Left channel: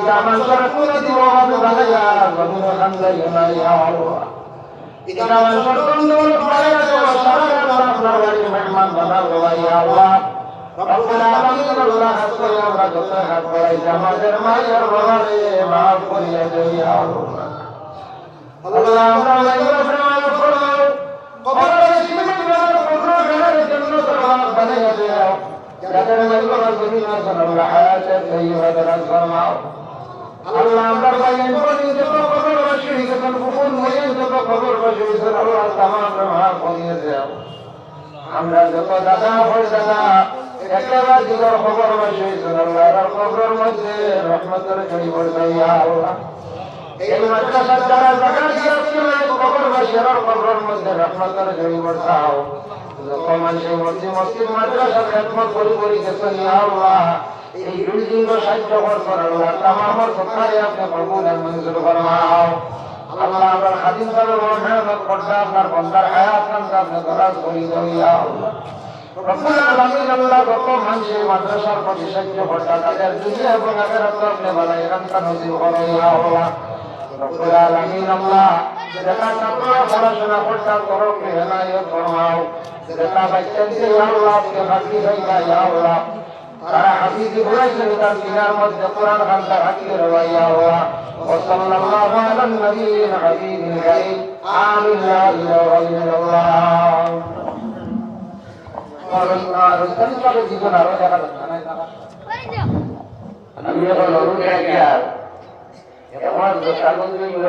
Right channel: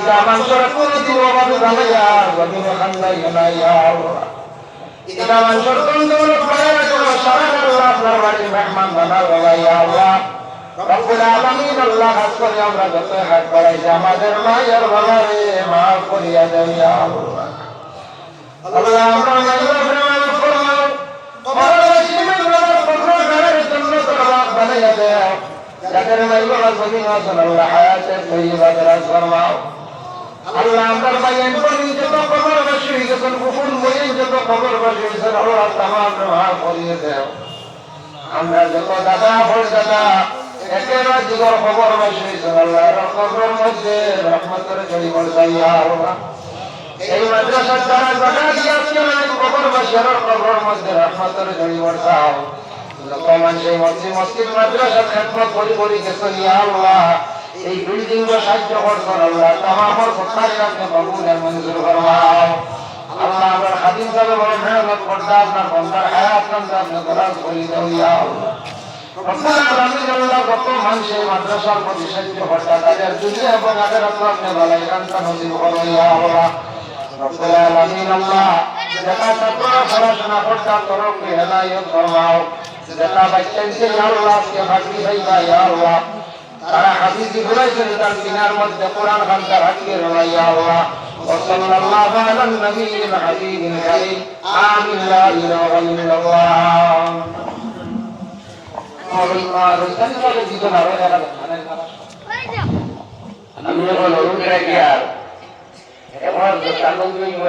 إذا من شركت وغضب غيا ومن خلق يا الله إذا من شركت والبيان وشركت وأكبر الرحمن بنا ويا الله ربنا العالمين الله صلى الله عليه وسلم وإذا ما جمع يرضى مع الكل يا الله اللهم يا ربنا وفرنا قبل الشمس لكن الله سبحانه وتعالى حياة طيبة تسمع الله دربين كل تقبل الشريك تنفخون وين تقبل الشريك الله تمام ما قضيته আমরা যত দাদা হলদানা একেবারে জীবন খবর মাসে আল্লাহর কবরের মধ্যে রহমতের ঝড়ি বর্ষাইয়া আল্লাহ এই মাদ্রাসার দ্বারা যখন গিয়েছিলেন কবর মাসের কবরের মধ্যে রহমতের ঝড়ি বর্ষাও যখন সেই মসজিদ মাদ্রাসা খেদমত করি করি গেছে ইয়া আল্লাহ এই বিল্ডিং এর সাহায্য করছেন আল্লাহ तमाम সরকারি আপনি কবুল আর মঞ্জুর ফরমাও আল্লাহ আমার খাদিম সাহেব বড় মেহনত করতে আপনার বন্দার হায়াত নামটা আপনি দরাজ করে দাও ইয়া আল্লাহ রব্বুল আলামিন আল্লাহ কত মানুষ এই মাদ্রাসার প্রতি সাহায্য করতে তাদের দুনিয়া এবং আখিরাত আপনি ভালাই রান্তা নসিব করো ইয়া আল্লাহ রব্বুল আলামিন আল্লাহ যারা ছাত্ররা পড়াশোনা করতে তরফে হেদায়েত ফরমাও যারা বাচ্চাকে আল্লাহকে বাকি হইয়া ইয়া আল্লাহ তারা হাদিস বলেছে তার দিনের মধ্যে কোরআন বান্দা হাকিয়ে রয়ে ইয়া আল্লাহ وصلى الله على النبي العظيم الكريم آمين لا إله إلا الله রইতানি কালে দিবেন আরো দেখা যাচ্ছে না আমি বলবো লোকেরা কি আর এখন